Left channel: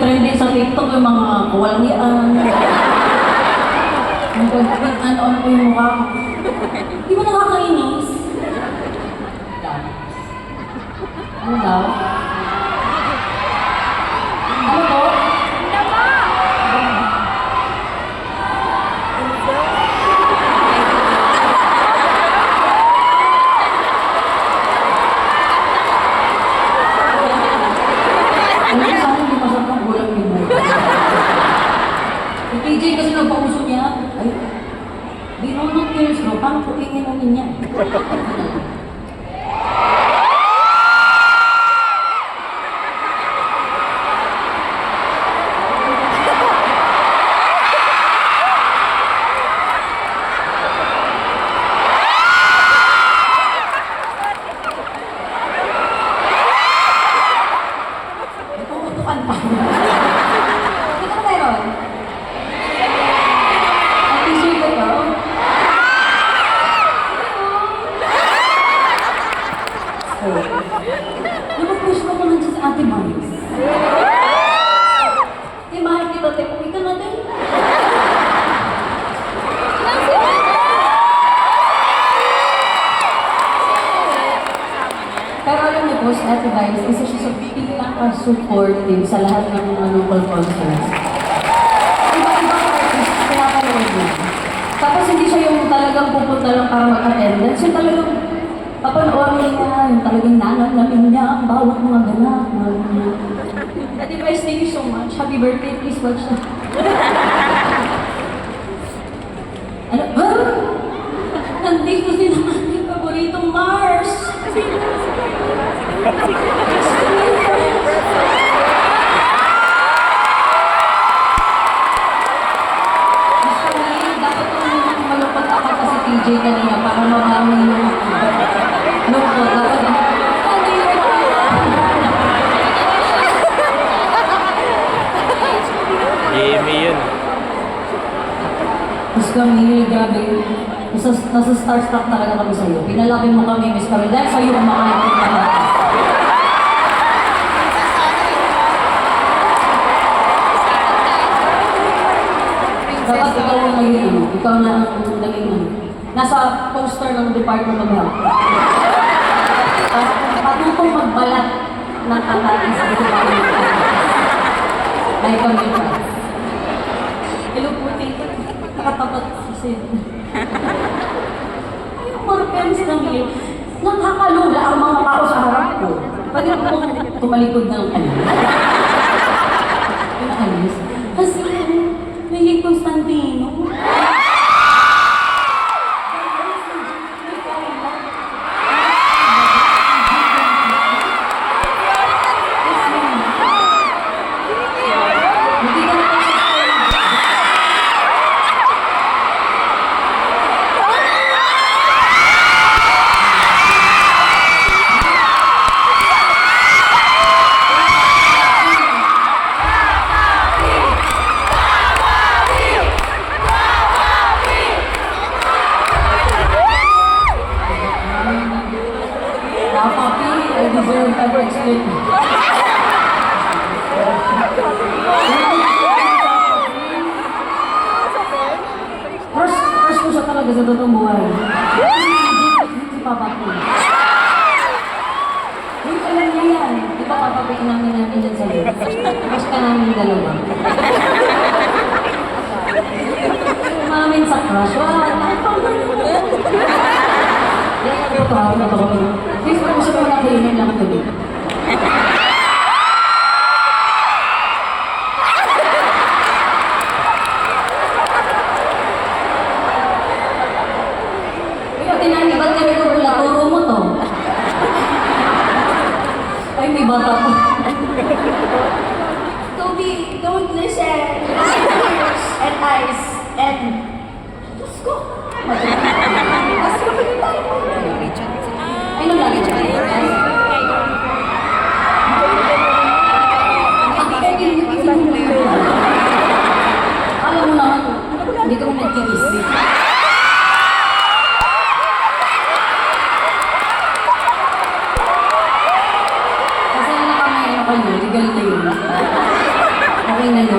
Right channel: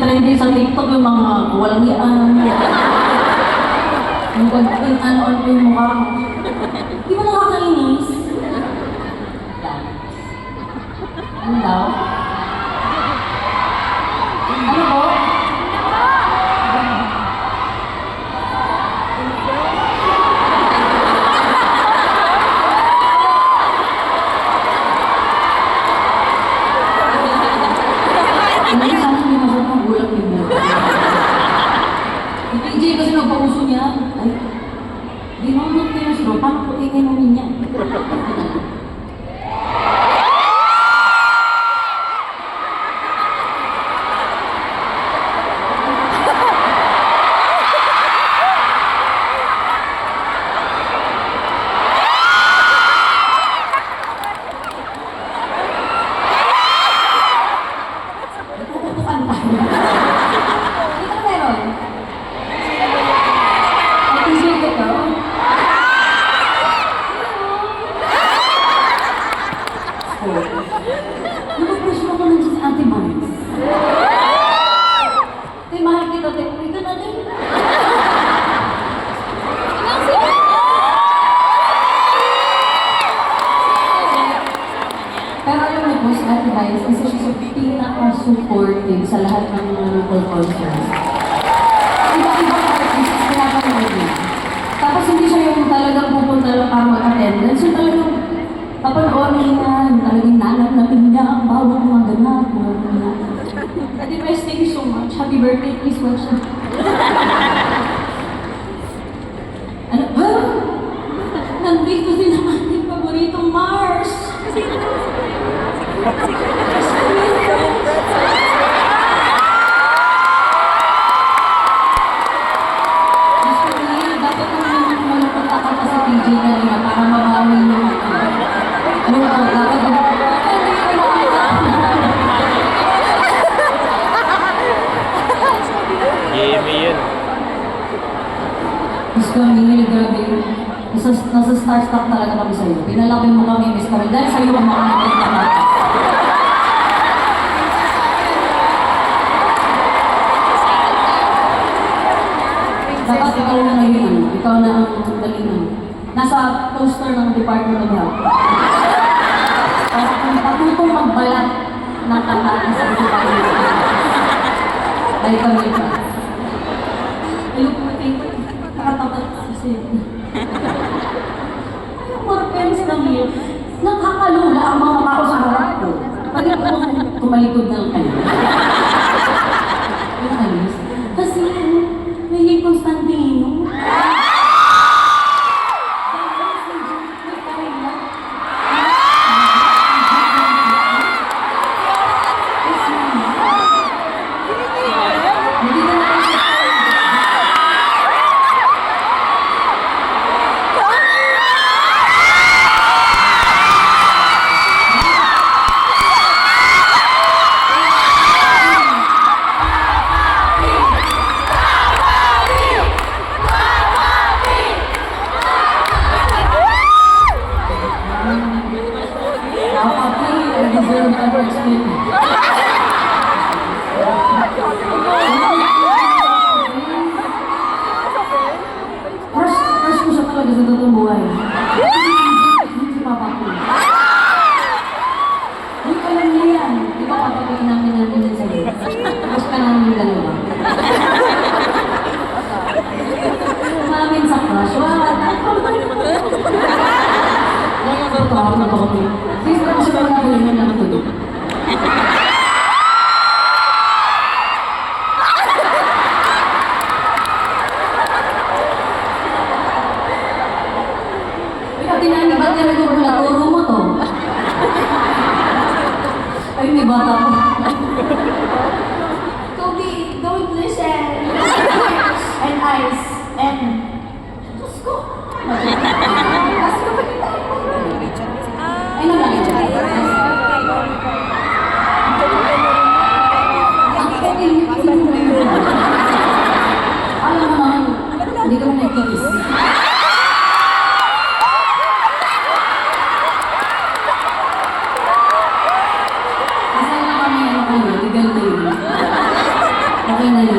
nagtitrending sa TikTok yung mga walang iyaan. Yung ano po yung mukha ko. Di ba nakakainis? Ano daw? Ano po? Ano sa akin hindi masarap ng gulang din mo? Yung TJ kasi nagpauso niya. Ay, di naman not cares no, paano po iinumin niya? Natutukan pa. Hindi ka na meron? Ang t-shirt ba ito? Oh. Napapush mo ko lang sa Ate Mars. Te, mahal kita, te. Uwi ka na din. Pero alam mo po, si Ate Vice, kasi siya sa pinaka-supportive sa lahat ng mga local concerts. Iba-ibang artist, pinapanood niya. Tapos hindi siya yung talagang pupunta lang para mag-attendance. Yung talagang papanoorin niya, yung talagang nanatnapin niya ang bawat mga ganap, mga ganap. Ate Vice, thank you so much. Happy birthday, please watch na. Ano? Ah! Nandito din ang ating paboritong Mars! Dapat naman malungkot ako kasi PJ kanina para mabawi yung lungkot. Game yun. Miss Camille, grabe. Nasa starstruck talaga kami sa'yo. Pinalaki mo kami, Miss Camille. Dahil sa'yo kumakain ng patatas. Dapat ikaw na naging ano, ikaw na ang naging ano. Nasa poster ng Department of Health. Patutong magbalat ng patatas sa Department of Health. Dahil kami ka. Hello po, tito. Nakatapat kasi. Ayun, more friends lang yun. Nakakalula ang mga tao sa harap ko. Pwede po tumalikod ng kanila. Yung alis. Kasi, naging Constantino. I deserve ever explain. Crush ko siya talaga sa totoong buhay. Si Papa ko. Uy, alam niya yan. Di ba papapikin namin yan sa'yo? Crush ka namin dalawa. Mamin sa crush. Wala. Ito ako na ako. Please, pag gusto na kayo lang tuloy. Ikaw, tinani, ba't ka rin ko pala? Turo mo to. Ay, may bata po. Kobe, don't listen. Ears and eyes and... Diyos ko. Mas ko pa kita. Ay, nalagi siya. Alam mo naman, hindi ka mo nagkikis. Kasi ano kami, legal na yun. Okay na yun.